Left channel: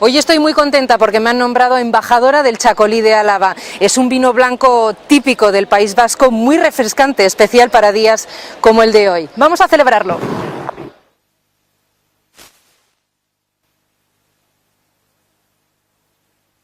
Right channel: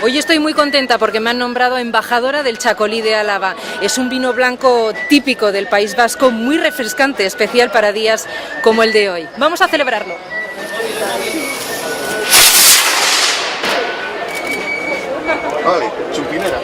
Hoy estoy muy contenta porque me han nombrado embajadora del Chacolí de Álava. Es un vino blanco típico del País Vasco, muy refrescante, especial para días como el de hoy. Vamos a celebrarlo. Vale, chupinera.